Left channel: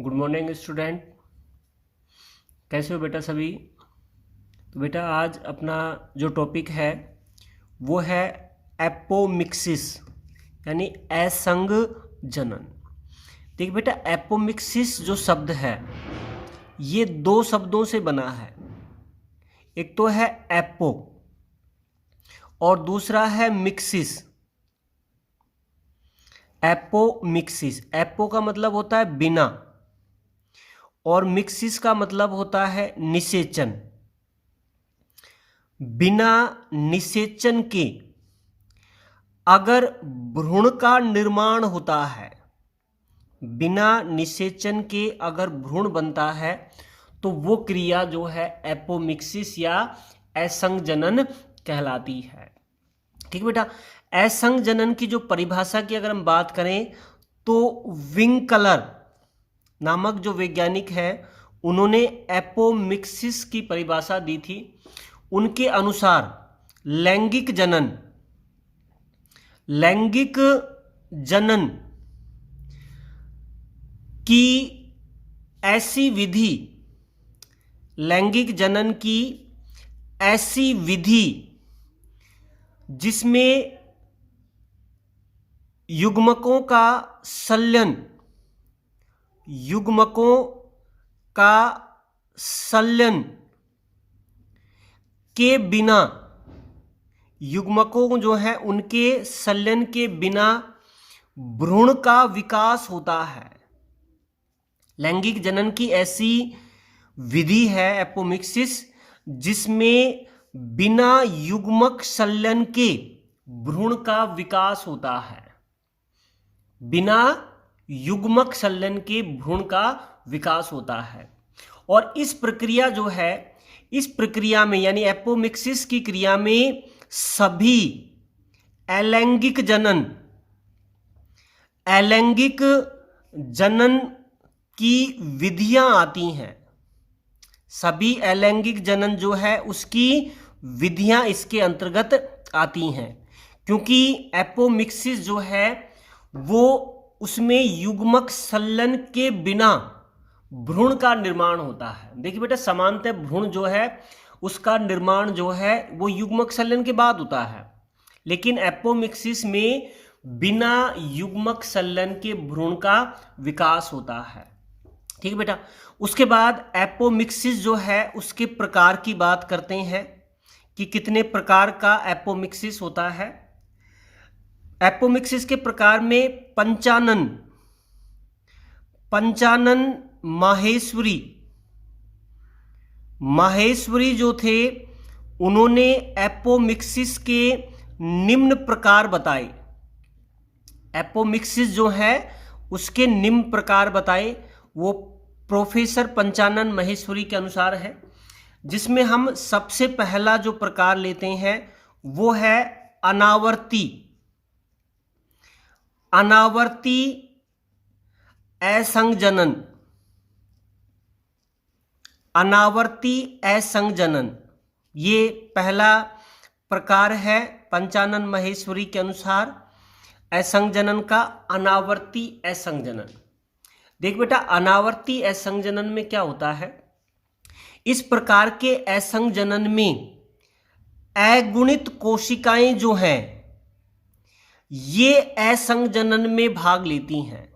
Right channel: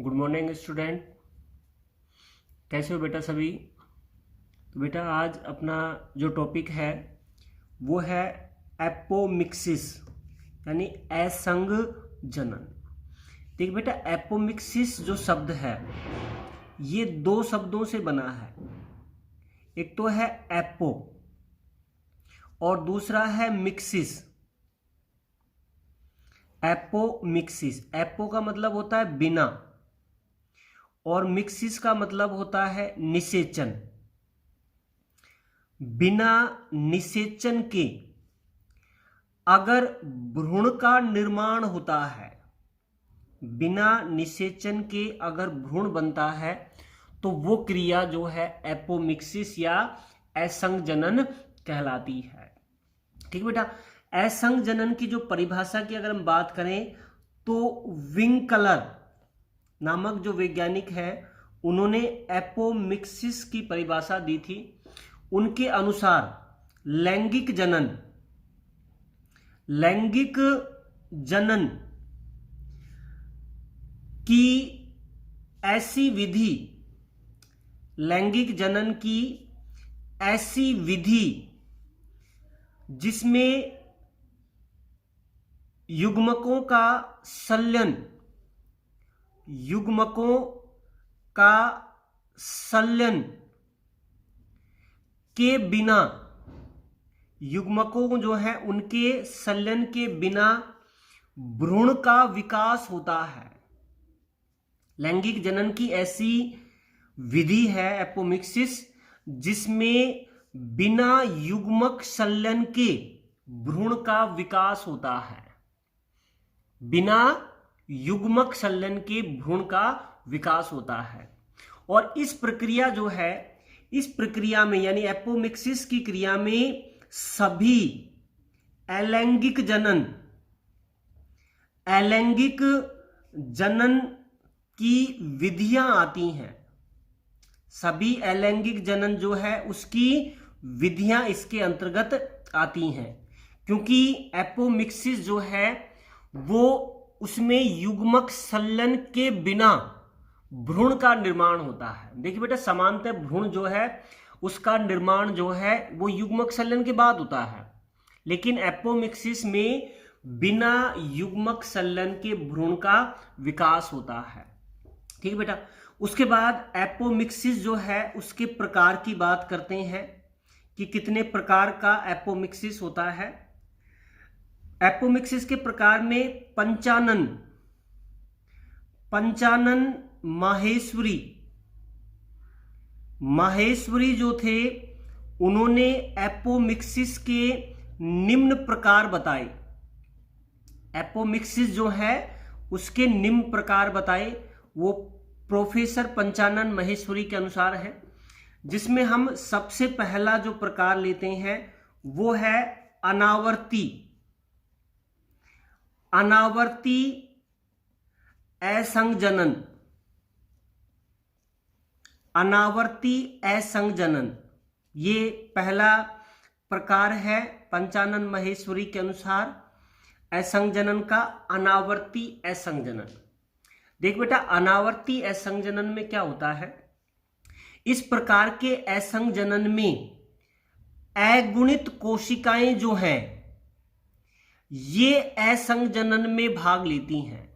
Good morning student. कैसे हो बेटा सभी? तो बेटा आज अपना जो टॉपिक है वो है एपोमिक्सिस यानी असंग जनन। देखिए बेटा, एपोमिक्सिस जो शब्द है ये दो शब्दों से बना है। एक तो है एपो और दूसरा है मिक्सिस। एपोमिक्सिस, एपो का मतलब होता है बिना और मिक्सिस का मतलब होता है निषेचन। बिना निषेचन के अगर भ्रूण का निर्माण होता है, बिना निषेचन के अगर भ्रूण बनता है तो वो क्रिया जो है एपोमिक्सिस या असंग जनन कहलाती है। ठीक बेटा, असंग जनन की जो परिभाषा की अगर हम बात करें तो विंकलर नामक जो वैज्ञानिक है उन्होंने एपोमिक्सिस की परिभाषा दी थी। उनके अनुसार लैंगिक जनन की ऐसी विधि, लैंगिक जनन की ऐसी विधि जिसमें युग्मकों का संलयन के बिना, युग्मकों जो है उनके संलयन के बिना भ्रूण का विकास होता है। लैंगिक जनन की ऐसी विधि है एपोमिक्सिस जिसमें बिना युग्मक संलयन के भ्रूण का विकास होता है। बिना युग्मक संलयन के भ्रूण का विकास होता है। और इस प्रक्रिया जो है, इस प्रक्रिया में यानी एपोमिक्सिस की क्रिया में सभी अलैंगिक जनन की विधियां आती हैं। सभी अलैंगिक जनन जो है उसकी विधियां इसके अंतर्गत आती हैं, क्योंकि एपोमिक्सिस जो है वो उसमें युग्मक संलयन के बिना भ्रूण का निर्माण होता है। देखिए बेटा, सामान्यतः भ्रूण जो है उसका निर्माण जो है वो युग्मक संलयन के बाद होता है, लेकिन एपोमिक्सिस में बिना युग्मक संलयन के भ्रूण का विकास होता है। ठीक है बेटा, उसके बाद एपोमिक्सिस जो है उसके प्रकार की बात करते हैं कि कितने प्रकार का एपोमिक्सिस होता है। एपोमिक्सिस के प्रकार में पंचानन माहेश्वरी जो थे उन्होंने एपोमिक्सिस के निम्न प्रकार बताए। एपोमिक्सिस जो है उसके निम्न प्रकार बताए, वो प्रोफेसर पंचानन माहेश्वरी के अनुसार है, जिसमें हम सबसे पहला जो प्रकार लेते हैं वो है अनावर्ती असंग जनन। अनावर्ती असंग जनन ये पहला प्रकार है पंचानन माहेश्वरी के अनुसार असंग जनन का, अनावर्ती असंग जनन। देख बेटा, अनावर्ती असंग जनन में क्या होता है, इस प्रकार के असंग जनन में अगुणित कोशिकाएं जो हैं ये असंग जनन में भाग लेती हैं।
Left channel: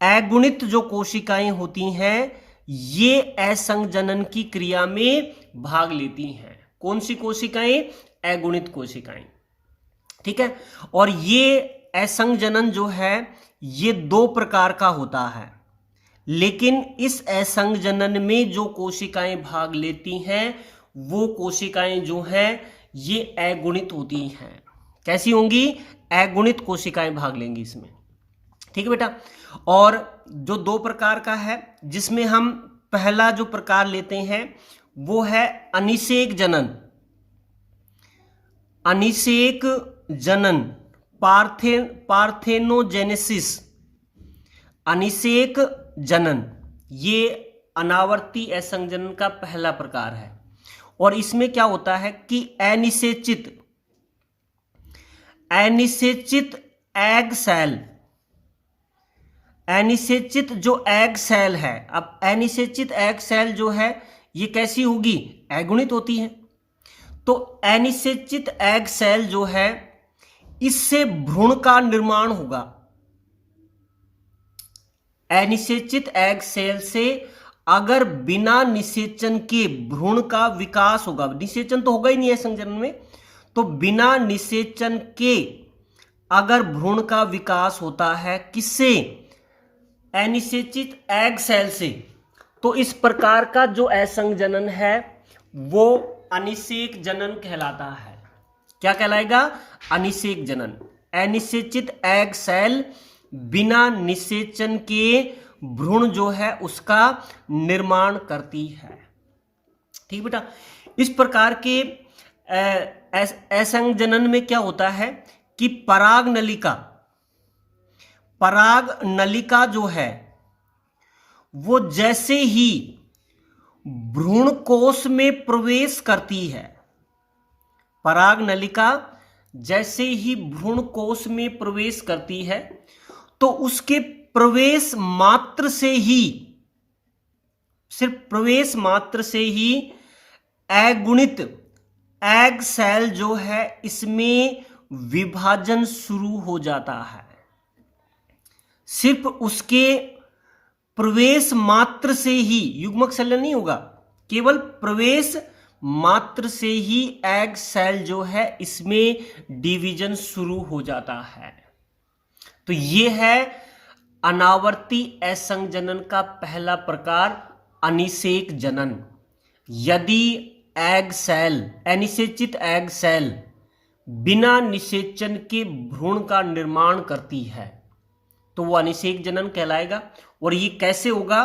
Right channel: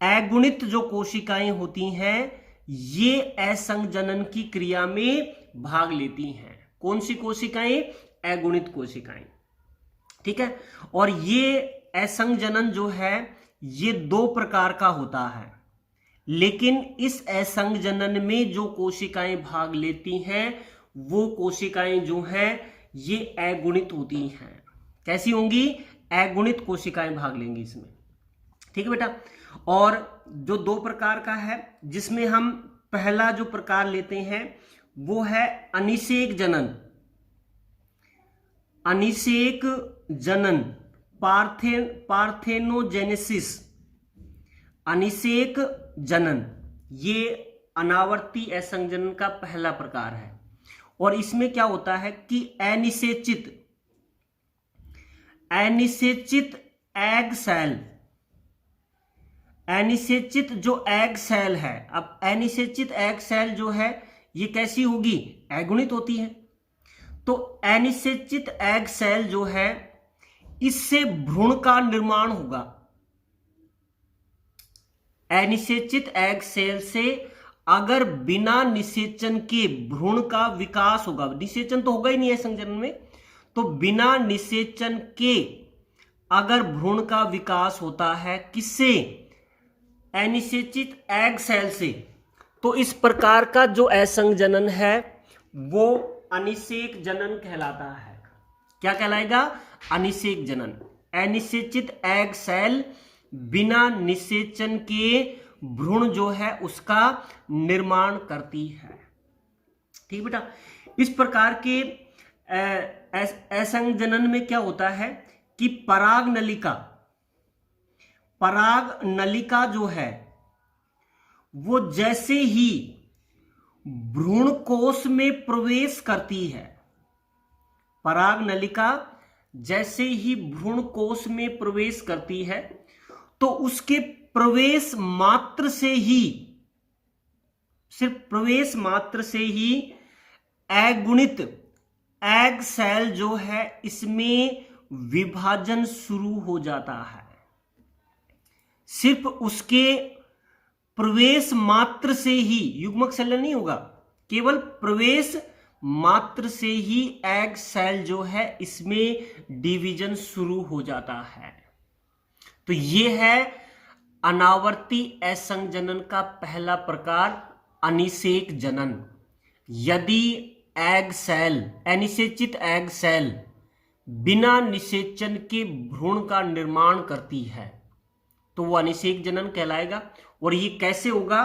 अगुणित जो कोशिकाएं होती हैं ये असंग जनन की क्रिया में भाग लेती हैं। कौन सी कोशिकाएं? अगुणित कोशिकाएं। ठीक है, और ये असंग जनन जो है ये दो प्रकार का होता है, लेकिन इस असंग जनन में जो कोशिकाएं भाग लेती हैं वो कोशिकाएं जो हैं ये अगुणित होती हैं। कैसी होंगी? अगुणित कोशिकाएं भाग लेंगी इसमें। ठीक है बेटा, और जो दो प्रकार का है जिसमें हम पहला जो प्रकार लेते हैं वो है अनिषेक जनन पार्थेनोजेनेसिस। अनिषेक जनन ये अनावर्ती असंग जनन का पहला प्रकार है, और इसमें क्या होता है कि अनिषेचित एग सेल अनिषेचित जो एग सेल है, अब अनिषेचित एग सेल जो है ये कैसी होगी, अगुणित होती है। तो अनिषेचित एग सेल जो है इससे भ्रूण का निर्माण होगा। अनिषेचित एग सेल से अगर बिना निषेचन के भ्रूण का विकास होगा, निषेचन तो होगा ही नहीं है संजनन में, तो बिना निषेचन के अगर भ्रूण का विकास होता है किससे, अनिषेचित एग सेल से, तो इस प्रकार का जो असंजनन है वो अनिषेक जनन कहलाता है। क्या कहलाएगा, अनिषेक जनन। अनिषेचित एग सेल बिना निषेचन के भ्रूण जो है उसका निर्माण करती है। ठीक बेटा, इस प्रकार के असंजनन में क्या होता है कि पराग नलिका जो है वो जैसे ही भ्रूण कोश में प्रवेश करती है, पराग नलिका जैसे ही भ्रूण कोश में प्रवेश करती है तो उसके प्रवेश मात्र से ही, सिर्फ प्रवेश मात्र से ही अगुणित एग सेल जो है इसमें विभाजन शुरू हो जाता है। सिर्फ उसके प्रवेश मात्र से ही, युग्मक संलयन नहीं होगा, केवल प्रवेश मात्र से ही एग सेल जो है इसमें डिवीजन शुरू हो जाता है। तो यह है अनावर्ती असंजनन का पहला प्रकार, अनिषेक जनन। यदि एग सेल, अनिषेचित एग सेल बिना निषेचन के भ्रूण का निर्माण करती है तो वो अनिषेक जनन कहलाएगा। और ये कैसे होगा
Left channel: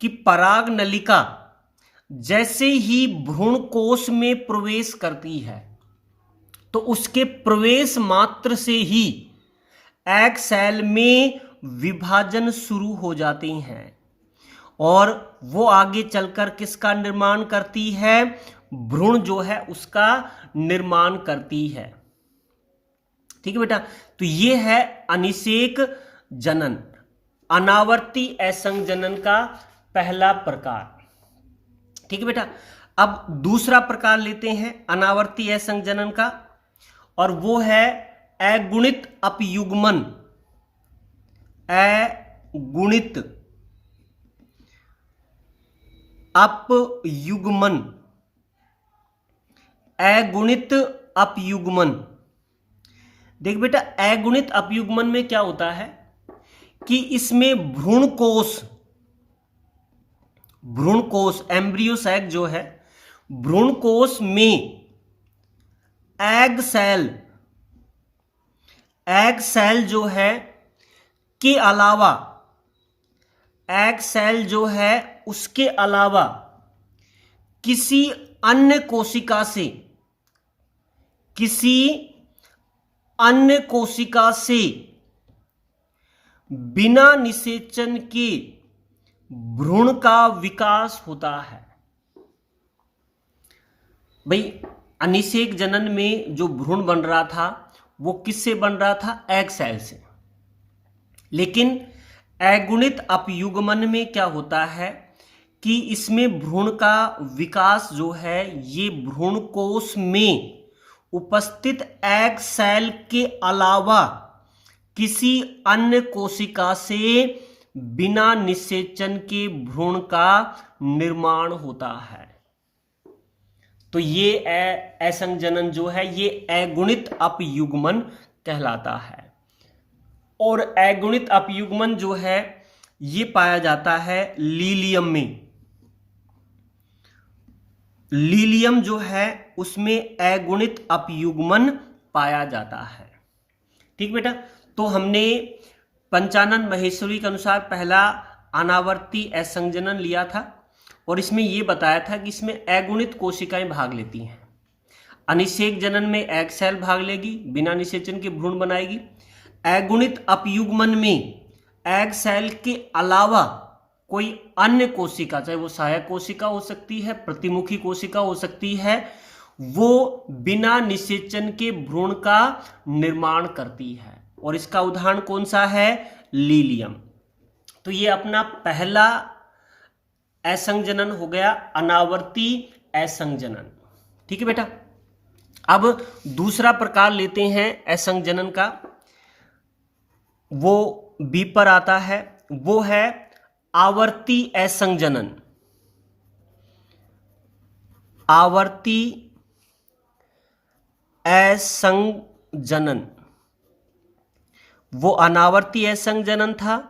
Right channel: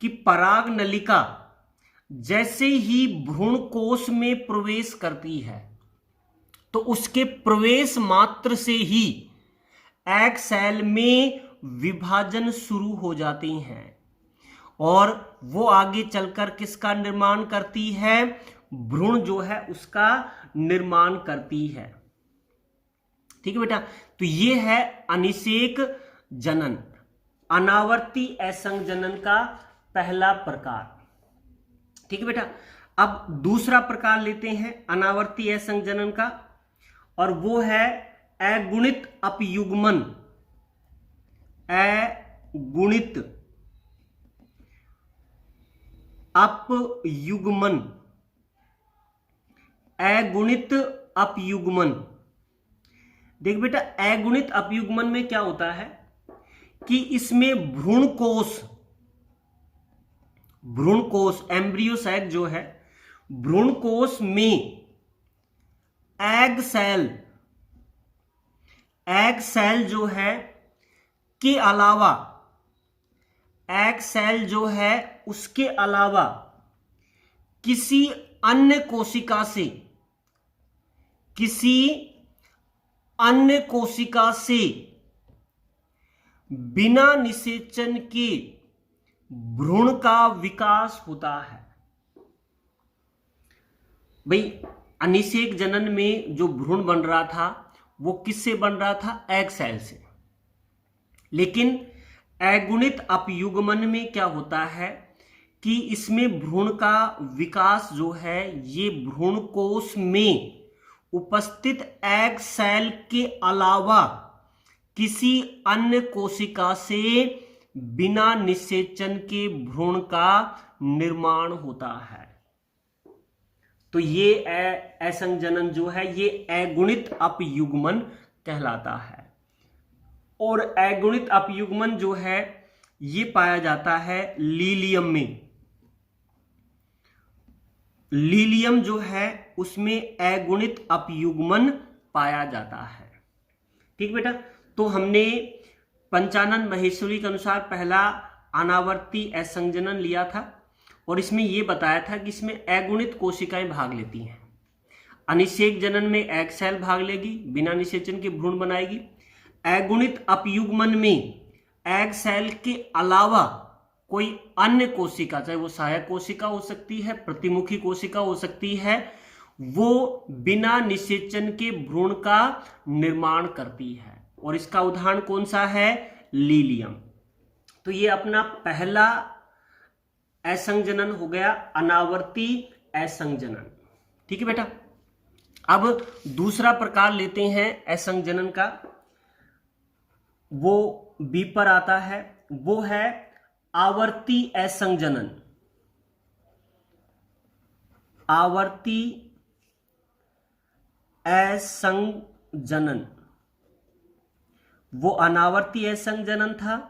कि पराग नलिका जैसे ही भ्रूण कोश में प्रवेश करती है तो उसके प्रवेश मात्र से ही एग सेल में विभाजन शुरू हो जाते हैं और वो आगे चलकर किसका निर्माण करती है, भ्रूण जो है उसका निर्माण करती है। ठीक है बेटा, तो ये है अनिषेक जनन, अनावर्ती असंजनन का पहला प्रकार। ठीक है बेटा, अब दूसरा प्रकार लेते हैं अनावर्ती असंजनन का, और वो है अगुणित अपयुग्मन। अगुणित अपयुग्मन, अगुणित अपयुग्मन। देख बेटा, अगुणित अपयुग्मन में क्या होता है कि इसमें भ्रूण कोश एम्ब्रियो सैक जो है, भ्रूण कोश में एग सेल जो है के अलावा, एग सेल जो है उसके अलावा किसी अन्य कोशिका से बिना निषेचन के भ्रूण का विकास होता है। भाई, अनिषेक जनन में जो भ्रूण बन रहा था वो किससे बन रहा था, एग सेल से। लेकिन अगुणित अपयुग्मन में क्या होता है कि इसमें भ्रूण का विकास जो है ये भ्रूण कोश में उपस्थित एग सेल के अलावा किसी अन्य कोशिका से बिना निषेचन के भ्रूण का निर्माण होता है। तो ये असंजनन जो है ये अगुणित अपयुग्मन कहलाता है। और अगुणित अपयुग्मन जो है ये पाया जाता है लीलियम में। लीलियम जो है उसमें अगुणित अपयुग्मन पाया जाता है। ठीक बेटा, तो हमने पंचानन महेश्वरी के अनुसार पहला अनावर्ती असंजनन लिया था और इसमें यह बताया था कि इसमें अगुणित कोशिकाएं भाग लेती हैं। अनिषेक जनन में एग सेल भाग लेगी, बिना निषेचन के भ्रूण बनाएगी। अगुणित अपयुग्मन में एग सेल के अलावा कोई अन्य कोशिका, चाहे वो सहायक कोशिका हो सकती है, प्रतिमुखी कोशिका हो सकती है, वो बिना निषेचन के भ्रूण का निर्माण करती है। और इसका उदाहरण कौन सा है, लीलियम। तो ये अपना पहला असंजनन हो गया, अनावर्ती असंजनन। ठीक है बेटा। अब दूसरा प्रकार लेते हैं असंजनन का, वो बी पर आता है, वो है आवर्ती असंजनन। आवर्ती असंजनन वो अनावर्ती असंजनन था,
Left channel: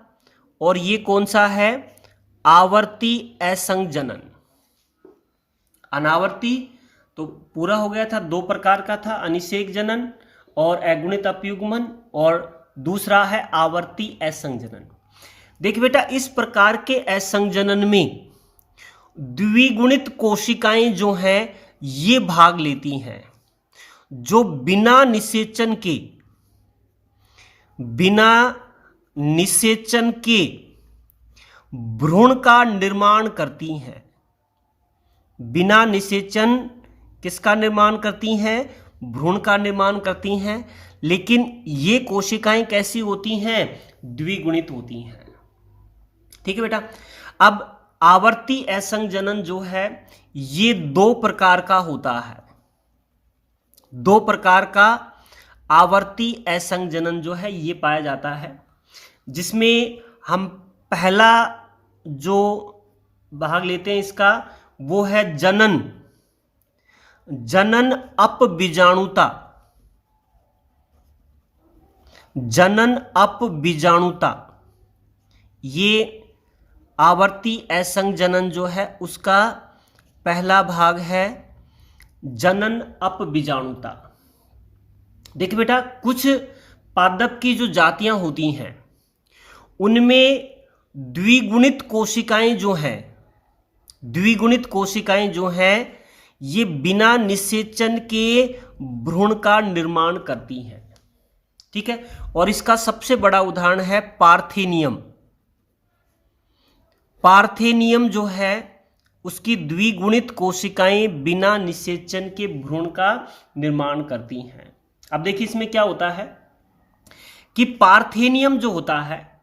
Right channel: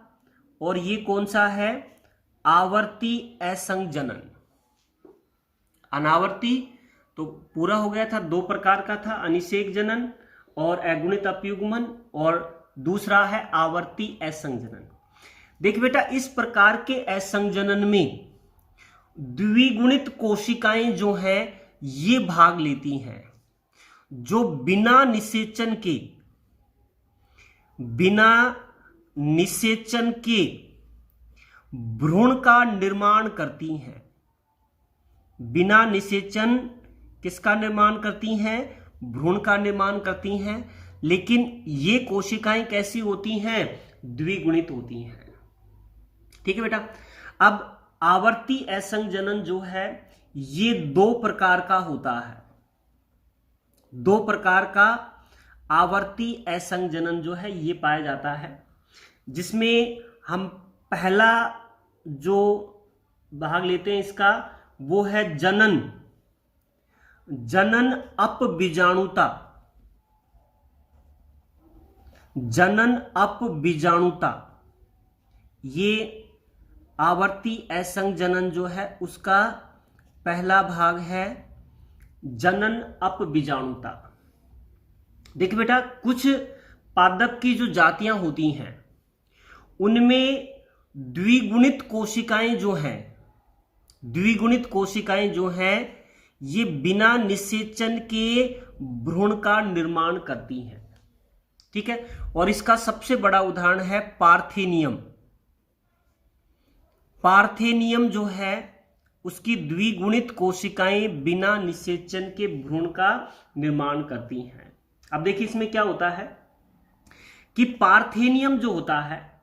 और ये कौन सा है, आवर्ती असंजनन। अनावर्ती तो पूरा हो गया था, दो प्रकार का था, अनिषेक जनन और अगुणित अपयुग्मन, और दूसरा है आवर्ती असंजनन। देखिए बेटा, इस प्रकार के असंजनन में द्विगुणित कोशिकाएं जो हैं ये भाग लेती हैं, जो बिना निषेचन के भ्रूण का निर्माण करती हैं। बिना निषेचन किसका निर्माण करती हैं, भ्रूण का निर्माण करती हैं। लेकिन ये कोशिकाएं कैसी होती हैं, द्विगुणित होती हैं। ठीक है बेटा। अब आवर्ती असंजनन जो है ये दो प्रकार का होता है, दो प्रकार का आवर्ती असंजनन जो है ये पाया जाता है, जिसमें हम पहला जो भाग लेते हैं इसका वो है जनन अपबीजाणुता। जनन अपबीजाणुता ये आवर्ती असंजनन जो है उसका पहला भाग है, जनन अपबीजाणुता। देखिए बेटा, कुछ पादप की जो जातियां होती हैं उनमें द्विगुणित कोशिकाएं जो हैं ये बिना निषेचन के भ्रूण का निर्माण करती हैं। ठीक है। और इसका सबसे बड़ा उदाहरण है पार्थेनियम। पार्थेनियम जो है उसकी द्विगुणित कोशिकाएं बिना निषेचन के भ्रूण का निर्माण करती हैं। अब देखिए इसमें क्या होता है कि पार्थेनियम जो होता है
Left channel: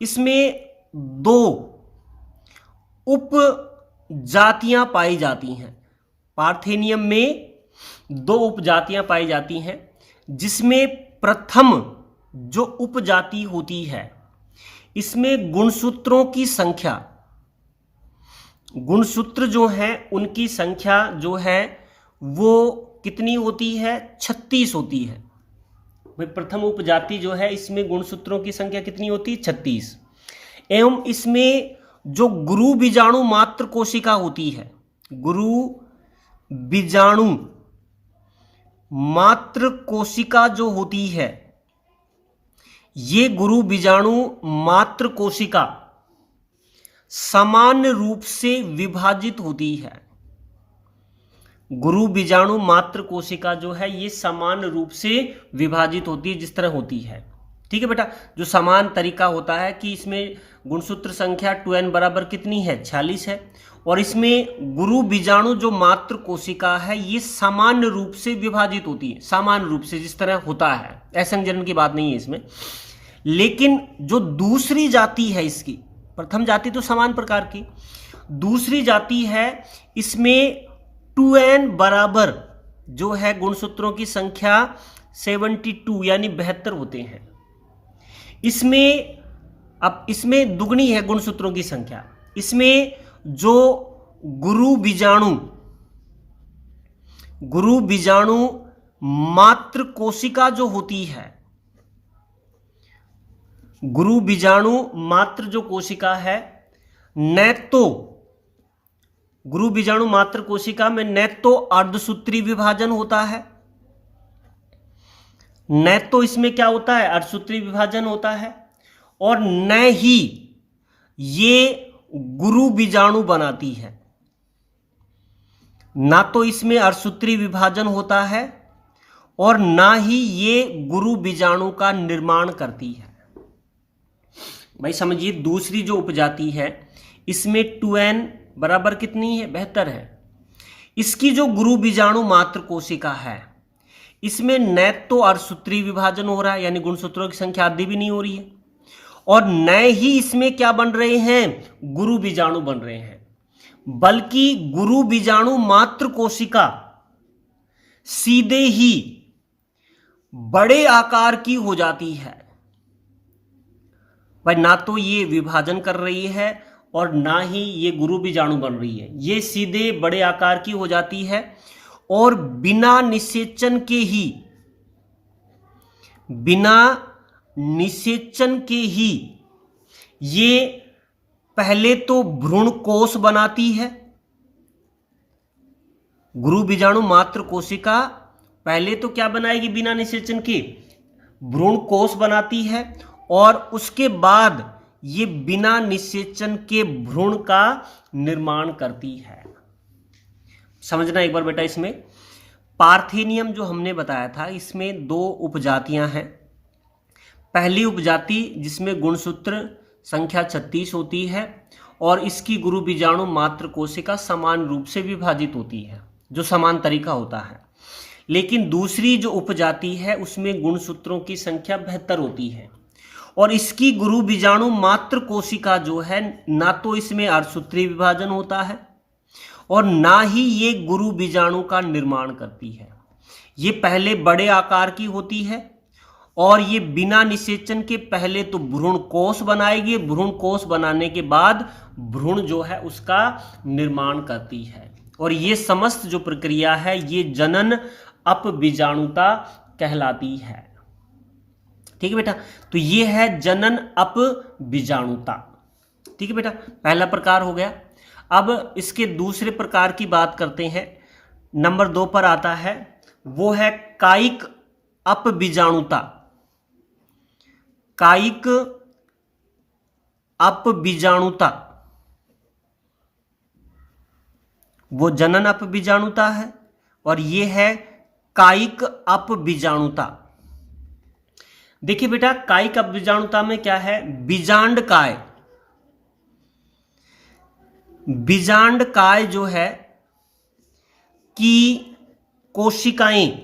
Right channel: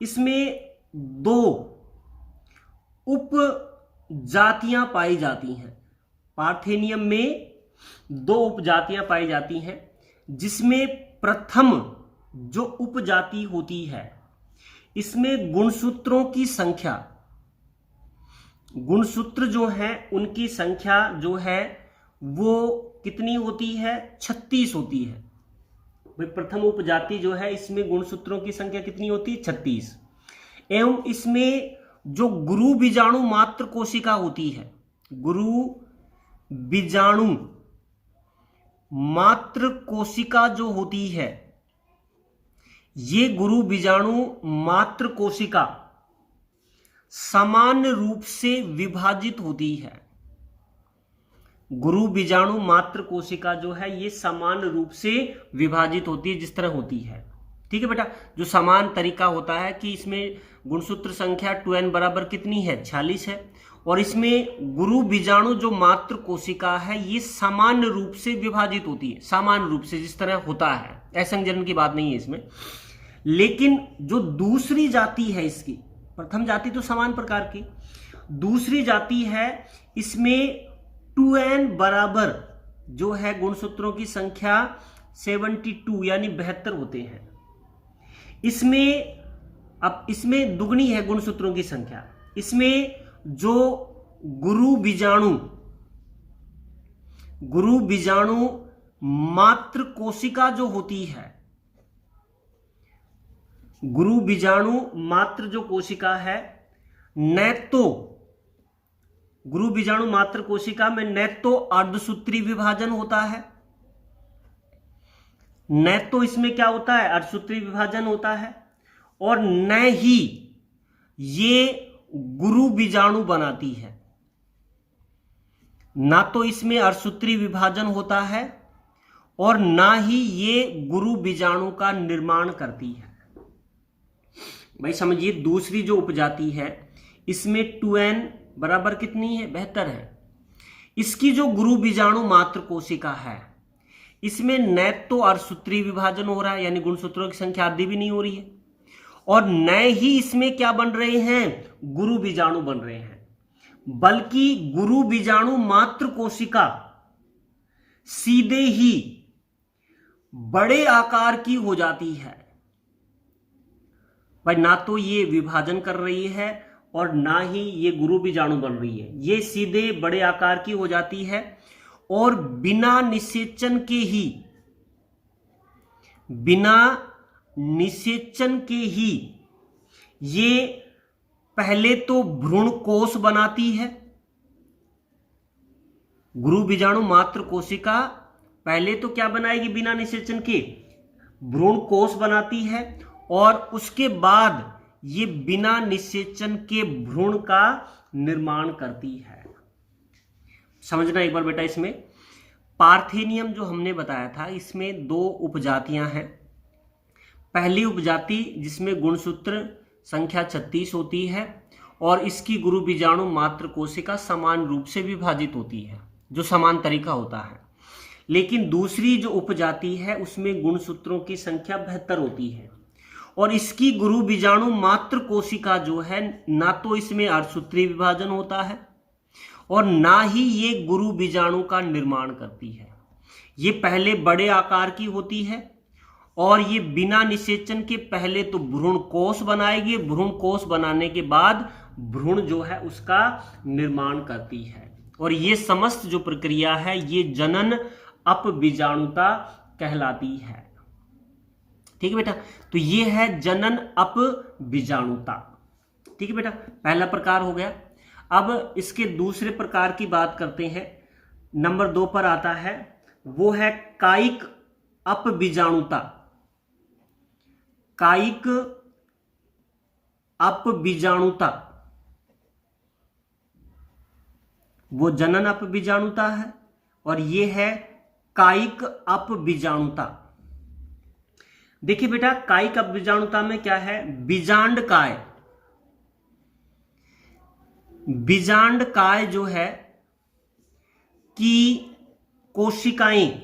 इसमें दो उप जातियां पाई जाती हैं। पार्थेनियम में दो उपजातियां पाई जाती हैं, जिसमें प्रथम जो उपजाति होती है इसमें गुणसूत्रों की संख्या, गुणसूत्र जो है उनकी संख्या जो है वो कितनी होती है, 36 होती है। प्रथम उपजाति जो है इसमें गुणसूत्रों की संख्या कितनी होती है, 36। एवं इसमें जो गुरु बीजाणु मात्र कोशिका होती है, गुरु बीजाणु मात्र कोशिका जो होती है, ये गुरु बीजाणु मात्र कोशिका समान रूप से विभाजित होती है। गुरु बीजाणु मात्र कोशिका जो है ये समान रूप से विभाजित होती है, जिस तरह होती है। ठीक है बेटा। जो समान तरीका होता है कि इसमें गुणसूत्र संख्या 2n बराबर कितनी है, 46 है, और इसमें गुरु बीजाणु जो मात्र कोशिका है ये समान रूप से विभाजित होती है, समान रूप से जिस तरह होता है। असंजनन की बात नहीं है इसमें। लेकिन जो दूसरी जाति है इसकी, प्रथम जाति तो समान प्रकार की, दूसरी जाति है इसमें 2n बराबर जो है गुणसूत्रों की संख्या 72 यानी 72 होते हैं। इसमें अब इसमें दुगनी है गुणसूत्रों की संख्या। इसमें जो गुरु बीजाणु मात्र कोशिका जो होती है, गुरु बीजाणु मात्र जो कोशिका है, न तो गुरु बीजाणु मात्र कोशिका में न तो अर्धसूत्री विभाजन होता है, न तो इसमें क्या होता है, अर्धसूत्री विभाजन होता है, और न ही ये गुरु बीजाणु बनाती है। ना तो इसमें अर्धसूत्री विभाजन होता है और ना ही ये गुरु बीजाणु का निर्माण करती है। भाई समझिए, दूसरी जो उपजाति है इसमें 2n बराबर कितनी है, 72 है। इसकी जो गुरु बीजाणु मात्र कोशिका है इसमें न तो अर्धसूत्री विभाजन हो रहा है यानी गुणसूत्रों की संख्या आदि भी नहीं हो रही है, और नए ही इसमें क्या बन रहे हैं, गुरु बीजाणु बन रहे हैं, बल्कि गुरु बीजाणु मात्र कोशिका सीधे ही बड़े आकार की हो जाती है। भाई ना तो ये विभाजन कर रही है और ना ही ये गुरु बीजाणु बन रही है, ये सीधे बड़े आकार की हो जाती है और बिना निषेचन के ही ये पहले तो भ्रूण कोश बनाती है। गुरु बीजाणु मात्र कोशिका पहले तो क्या बनाएगी, बिना निषेचन के भ्रूण कोश बनाती है और उसके बाद ये बिना निषेचन के भ्रूण का निर्माण करती है। समझना एक बार बेटा, इसमें पार्थेनियम जो हमने बताया था इसमें 2 उपजातियां हैं। पहली उपजाति जिसमें गुणसूत्र संख्या 36 होती है और इसकी गुरु बीजाणु मात्र कोशिका समान रूप से विभाजित होती है, जो समान तरीका होता है। लेकिन दूसरी जो उपजाति है उसमें गुणसूत्रों की संख्या 72 होती है और इसकी गुरु बीजाणु मात्र कोशिका जो है ना तो इसमें अर्धसूत्री विभाजन होता है और ना ही ये गुरु बीजाणु का निर्माण करती है। ये पहले बड़े आकार की होती है और ये बिना निषेचन के पहले तो भ्रूण कोश बनाएगी, भ्रूण कोश बनाने के बाद भ्रूण जो है उसका निर्माण करती है और ये समस्त जो प्रक्रिया है ये जनन अपबीजाणुता कहलाती है। ठीक है बेटा, तो ये है जनन अपबीजाणुता। ठीक है बेटा, पहला प्रकार हो गया। अब इसके दूसरे प्रकार की बात करते हैं, नंबर 2 पर आता है, वो है कायिक अपबीजाणुता। कायिक अपबीजाणुता वो जनन अपबीजाणुता है और ये है कायिक अपबीजाणुता। देखिए बेटा, कायिक अपबीजाणुता में क्या है, बीजांडकाय। बीजांडकाय जो है कि कोशिकाएं,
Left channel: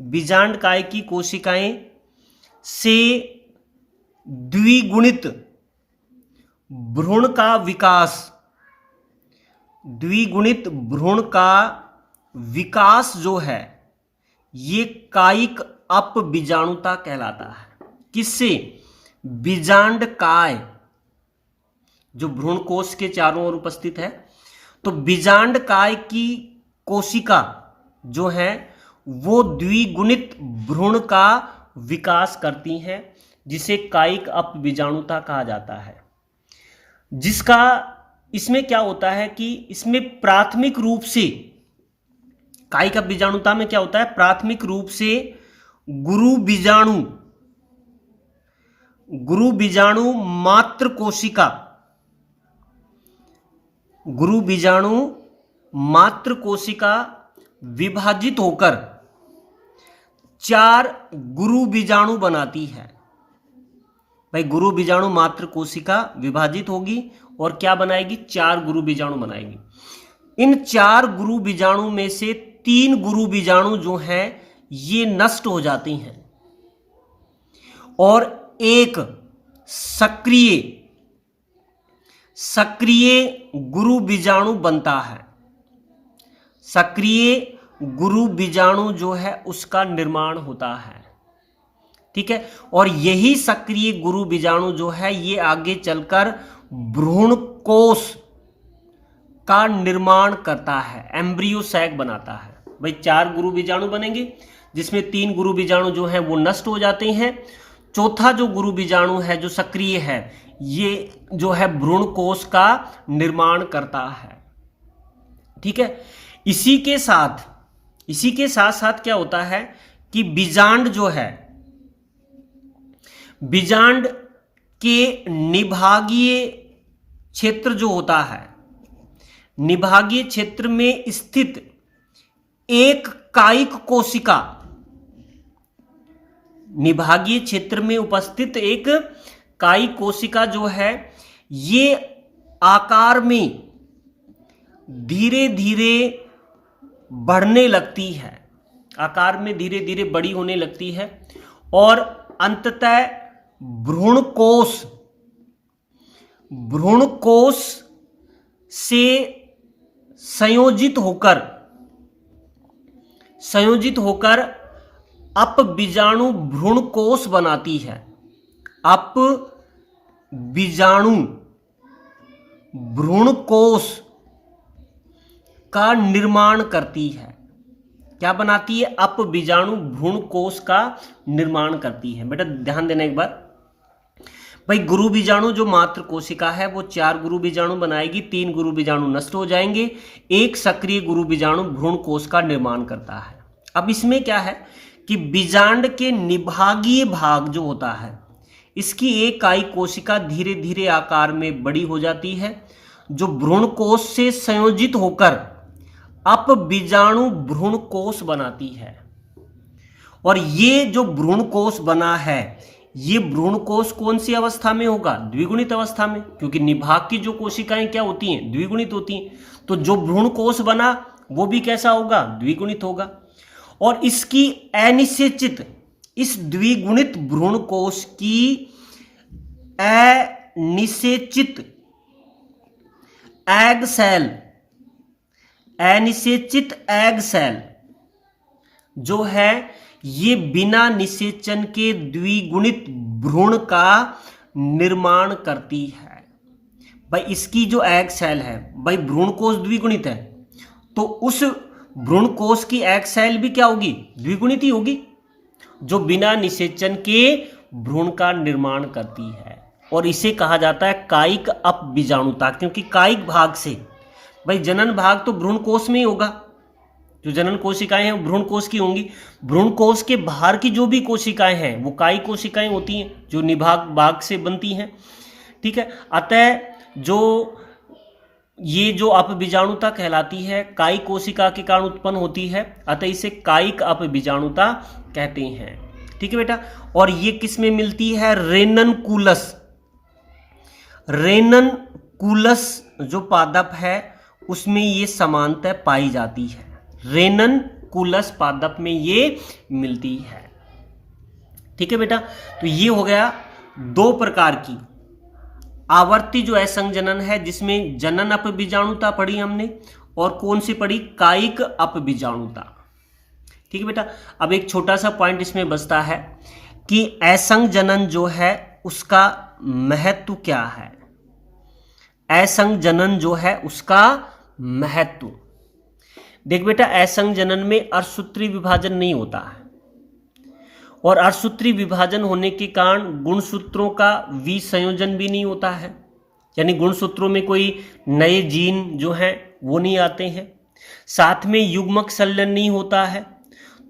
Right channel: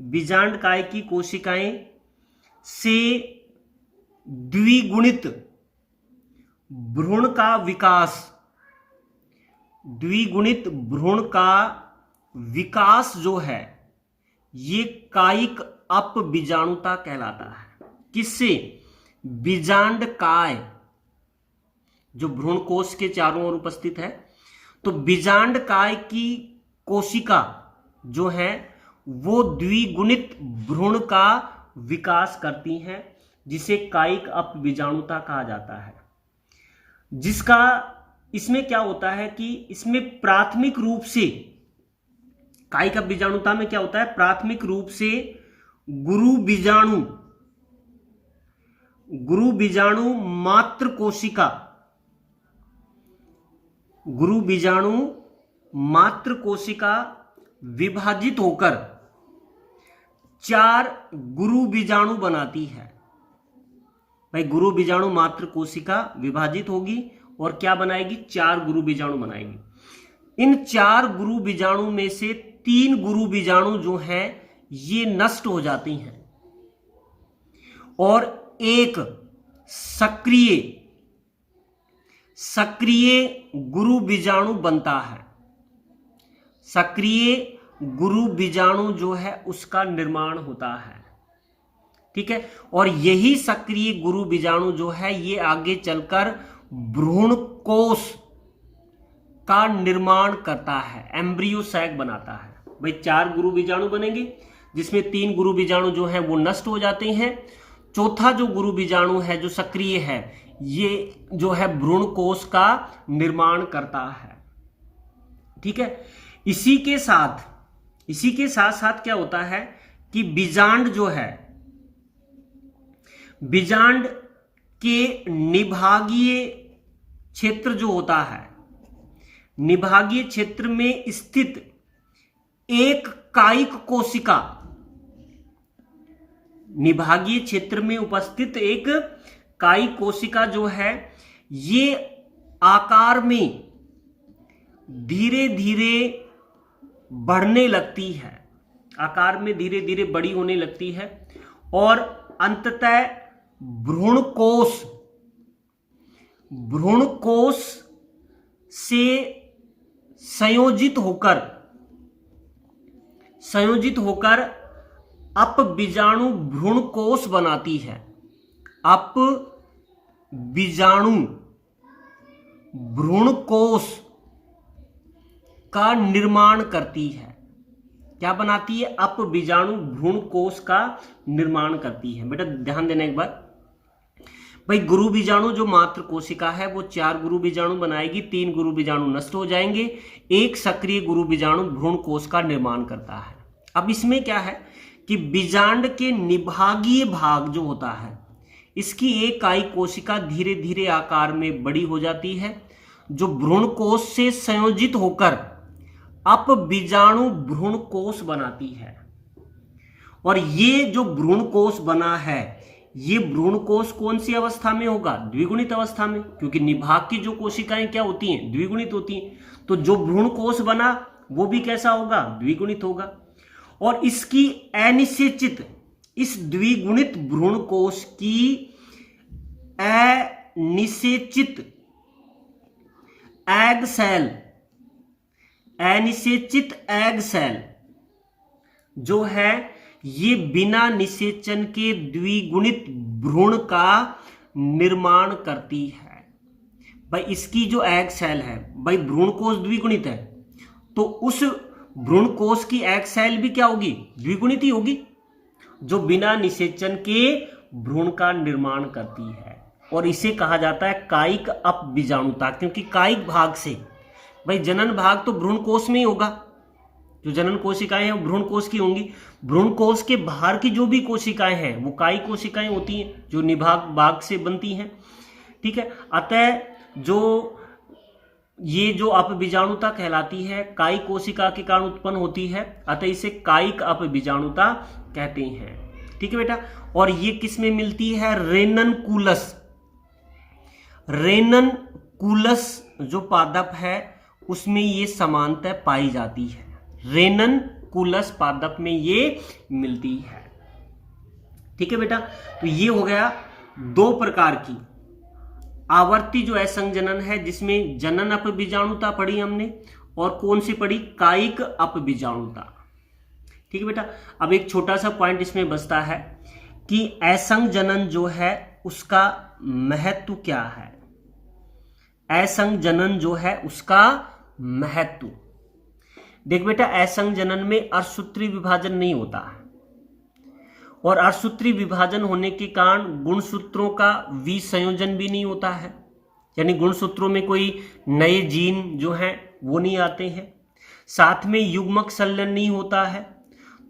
बीजांडकाय की कोशिकाएं से द्विगुणित भ्रूण का विकास, द्विगुणित भ्रूण का विकास जो है ये कायिक अपबीजाणुता कहलाता है। किससे, बीजांडकाय जो भ्रूण कोश के चारों ओर उपस्थित है, तो बीजांडकाय की कोशिका जो है वो द्विगुणित भ्रूण का विकास करती हैं, जिसे कायिक अपबीजाणुता कहा जाता है। जिसका इसमें क्या होता है कि इसमें प्राथमिक रूप से, कायिक अपबीजाणुता में क्या होता है, प्राथमिक रूप से गुरु बीजाणु मात्र कोशिका, गुरु बीजाणु मात्र कोशिका विभाजित होकर 4 गुरु बीजाणु बनाती है। भाई गुरु बीजाणु मात्र कोशिका विभाजित होगी और क्या बनाएगी, 4 गुरु बीजाणु बनाएगी। इन 4 गुरु बीजाणु में से 3 गुरु बीजाणु जो हैं ये नष्ट हो जाती हैं और एक सक्रिय गुरु बीजाणु बनता है। सक्रिय गुरु बीजाणु जो है उसका निर्माण होता है। ठीक है, और यही सक्रिय गुरु बीजाणु जो है ये आगे चलकर भ्रूण कोश का निर्माण करता है, एम्ब्रियो सैक बनाता है। भाई 4 गुरु बीजाणु बनेंगे जिसमें 3 गुरु बीजाणु जो हैं वो नष्ट हो जाते हैं। चौथा जो गुरु बीजाणु है जो सक्रिय है ये जो है भ्रूण कोश का निर्माण करता है। ठीक है, इसी के साथ साथ क्या होता है कि बीजांड जो है, बीजांड के निभागीय क्षेत्र जो होता है, निभागीय क्षेत्र में स्थित एक कायिक कोशिका, निभागीय क्षेत्र में उपस्थित एक कायिक कोशिका जो है ये आकार में धीरे धीरे बढ़ने लगती है, आकार में धीरे धीरे बड़ी होने लगती है और अंततः भ्रूण कोश से संयोजित होकर अपबीजाणु भ्रूण कोश बनाती है। अपबीजाणु भ्रूण कोश का निर्माण करती है। क्या बनाती है? अपबीजाणु भ्रूण कोश का निर्माण करती है। बेटा ध्यान देना एक बार, भाई गुरु बीजाणु जो मात्र कोशिका है वो 4 गुरु बीजाणु बनाएगी, 3 गुरु बीजाणु नष्ट हो जाएंगे, एक सक्रिय गुरु बीजाणु भ्रूण कोश का निर्माण करता है। अब इसमें क्या है कि बीजांड के निभागीय भाग जो होता है, इसकी एक इकाई कोशिका धीरे धीरे आकार में बड़ी हो जाती है, जो भ्रूण कोश से संयोजित होकर अपबीजाणु भ्रूण कोश बनाती है। और ये जो भ्रूण कोश बना है, ये भ्रूण कोश कौन सी अवस्था में होगा? द्विगुणित अवस्था में, क्योंकि निभाग की जो कोशिकाएं क्या होती हैं? द्विगुणित होती हैं। तो जो भ्रूण कोश बना वो भी कैसा होगा? द्विगुणित होगा। और इसकी अनिषेचित, इस द्विगुणित भ्रूण कोश की अनिषेचित एग सेल जो है, ये बिना निषेचन के द्विगुणित भ्रूण का निर्माण करती है। भाई इसकी जो एग सेल है, भाई भ्रूण कोश द्विगुणित है, तो उस भ्रूण कोश की एग सेल भी क्या होगी? द्विगुणित ही होगी, जो बिना निषेचन के भ्रूण का निर्माण करती है। और इसे कहा जाता है कायिक अपबीजाणुता, क्योंकि कायिक भाग से, भाई जनन भाग तो भ्रूण कोश में ही होगा, जो जनन कोशिकाएं हैं वो भ्रूण कोश की होंगी। भ्रूण कोश के बाहर की जो भी कोशिकाएं हैं वो कायिक कोशिकाएं होती हैं, जो निभाग भाग से बनती हैं। ठीक है, अतः ये जो अपबीजाणुता कहलाती है कायिक कोशिका के कारण उत्पन्न होती है, अतः इसे कायिक अपबीजाणुता कहते हैं। ठीक है बेटा, और ये किस में मिलती है? रेननकुलस जो पादप है उसमें ये समानता पाई जाती है। रेननकुलस पादप में ये मिलती है। ठीक है बेटा, तो ये हो गया 2 प्रकार की आवर्ती जो असंजनन है, जिसमें जनन अपबीजाणुता पढ़ी हमने, और कौन सी पढ़ी? कायिक अपबीजाणुता। ठीक है बेटा, अब एक छोटा सा पॉइंट इसमें बचता है कि असंजनन जो है उसका महत्व क्या है। असंजनन जो है उसका महत्व, देख बेटा, असंजनन में अर्धसूत्री विभाजन नहीं होता है, और अर्धसूत्री विभाजन होने के कारण गुणसूत्रों का विसंयोजन भी नहीं होता है, यानी गुणसूत्रों में कोई नए जीन जो हैं वो नहीं आते हैं। साथ में युग्मक संलयन नहीं होता है,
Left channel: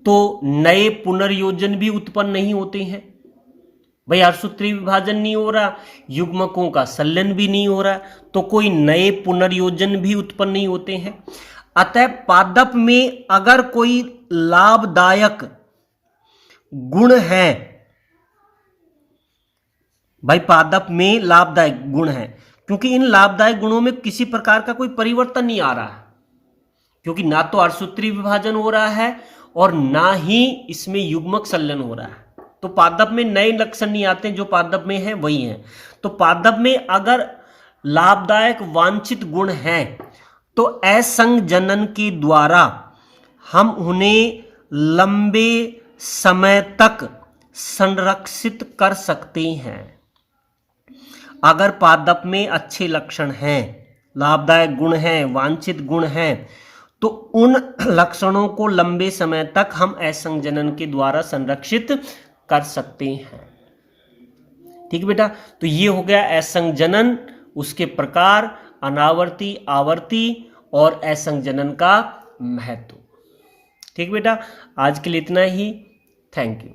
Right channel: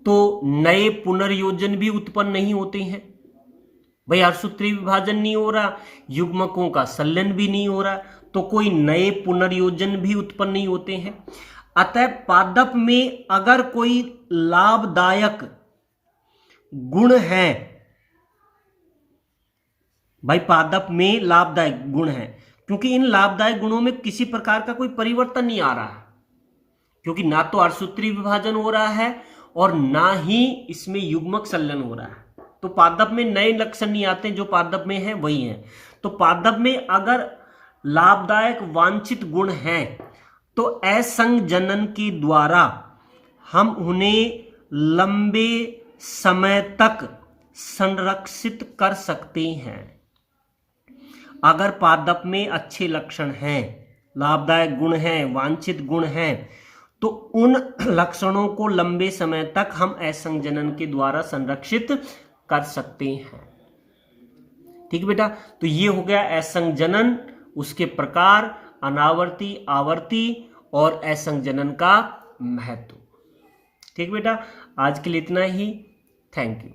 तो नए पुनर्योजन भी उत्पन्न नहीं होते हैं। भाई अर्धसूत्री विभाजन नहीं हो रहा, युग्मकों का संलयन भी नहीं हो रहा, तो कोई नए पुनर्योजन भी उत्पन्न नहीं होते हैं। अतः पादप में अगर कोई लाभदायक गुण है, भाई पादप में लाभदायक गुण है, क्योंकि इन लाभदायक गुणों में किसी प्रकार का कोई परिवर्तन नहीं आ रहा है, क्योंकि ना तो अर्धसूत्री विभाजन हो रहा है और ना ही इसमें युग्मक संलयन हो रहा है, तो पादप में नए लक्षण नहीं आते, जो पादप में है वही है। तो पादप में अगर लाभदायक वांछित गुण हैं तो असंजनन के द्वारा हम उन्हें लंबे समय तक संरक्षित कर सकते हैं। अगर पादप में अच्छे लक्षण हैं, लाभदायक गुण हैं, वांछित गुण हैं, तो उन लक्षणों को लंबे समय तक हम असंजनन के द्वारा संरक्षित कर सकते हैं। ठीक बेटा, तो ये हो गया असंजनन, उसके प्रकार, अनावर्ती, आवर्ती और असंजनन का महत्व। ठीक बेटा, आज के लिए इतना ही। Thank you.